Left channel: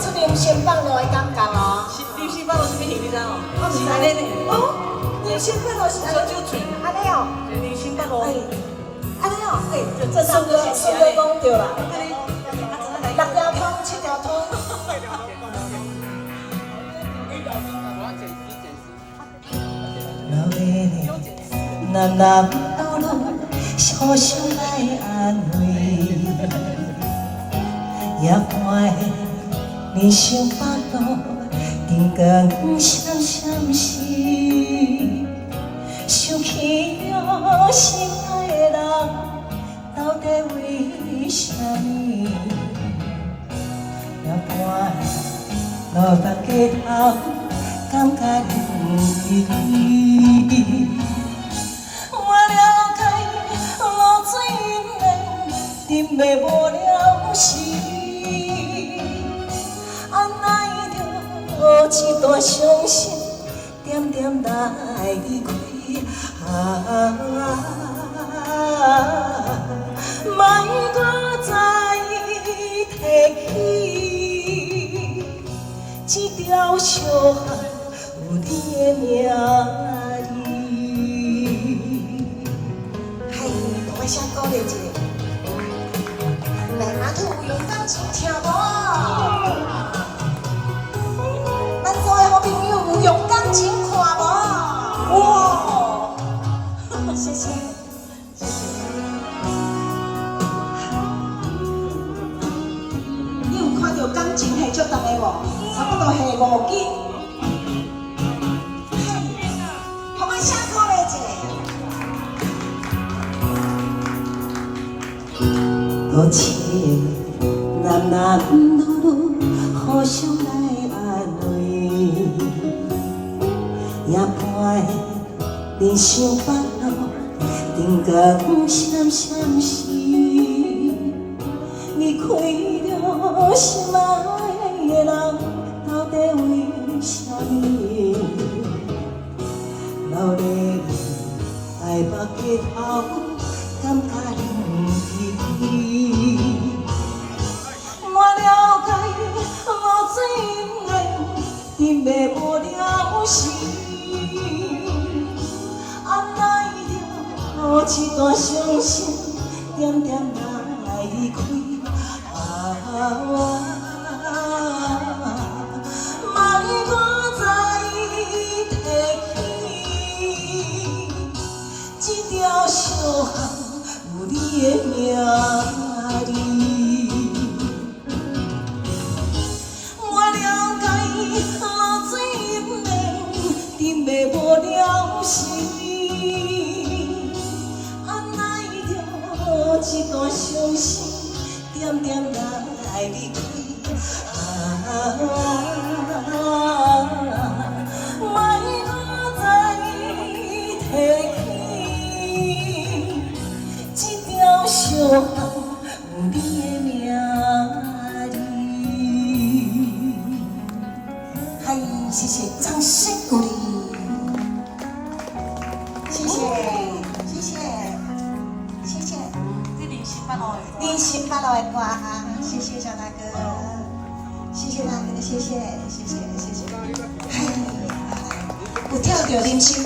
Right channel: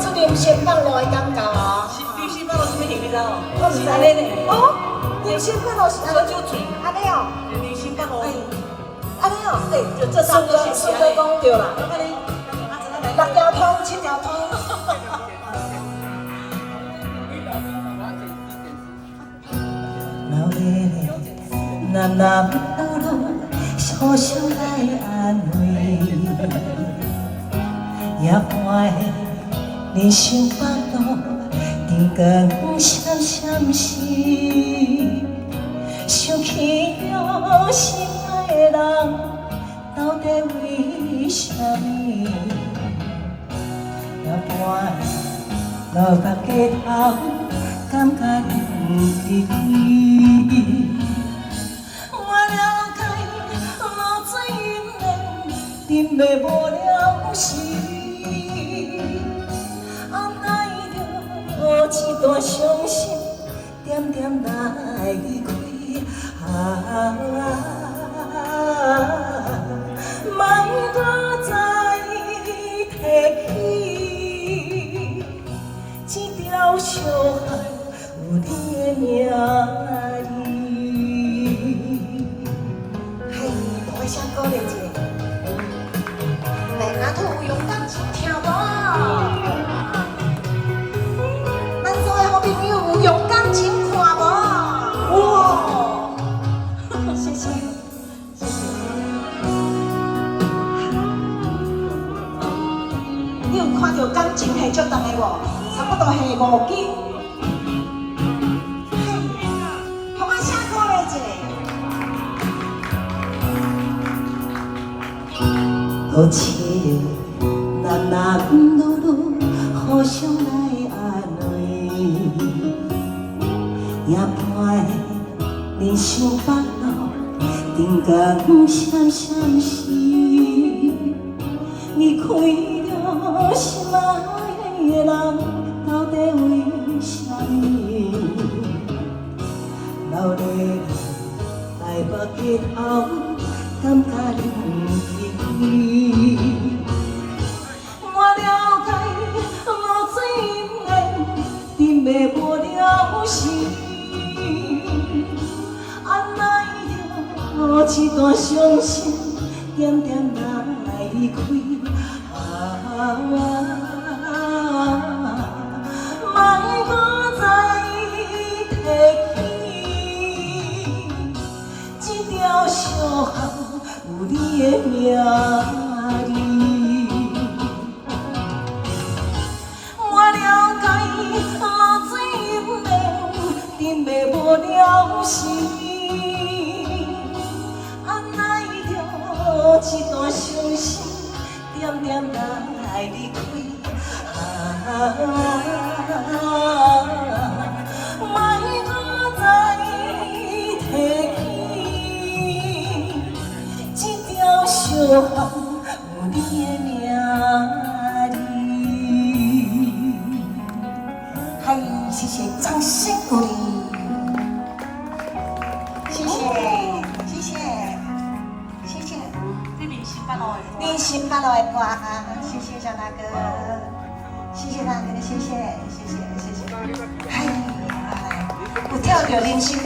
出人生放落的感觉哦。人生放落什么型你知道？我唔知安尼呢？哦，人生放落是安尼酒醉，安尼哦，人生放落，安尼哦，就这三个顺着讲对啦。六6条通，7条通。老的男男老老，互相来安慰，夜半的人生百路，灯光闪闪时，想起了心爱的人，到底为什么？夜半落目街头，感觉忍离离。我了解流水忍袂无了时，按耐着一段伤心，点点来开。莫搁再提起，这条小巷有你的名字。我想鼓励一下，来阿土有感情听无？咱所有朋友用感情看无？哇！谢谢，谢谢。你有看到感情系足重的无？差不多系5斤。我们下鼓励一下。好情男男女女，互相来安慰。夜半的人生百路，灯光闪闪时，离开了心爱的人，到底为什么？老的爱目街头，感觉忍离离。我了解流水忍袂无了时，按耐着一段伤心，点点来开。莫搁再提起，这条小巷有你的名字。我了解流水忍袂无了时，按耐着一段伤心，点点来离开。莫搁再提起，这条小巷有你的名字。嗨，谢谢，掌声鼓励。谢谢，谢谢，谢谢。人生八路的歌啊，谢谢小大哥，谢谢大哥的谢谢，谢谢，谢谢。嗨，有跳着人生。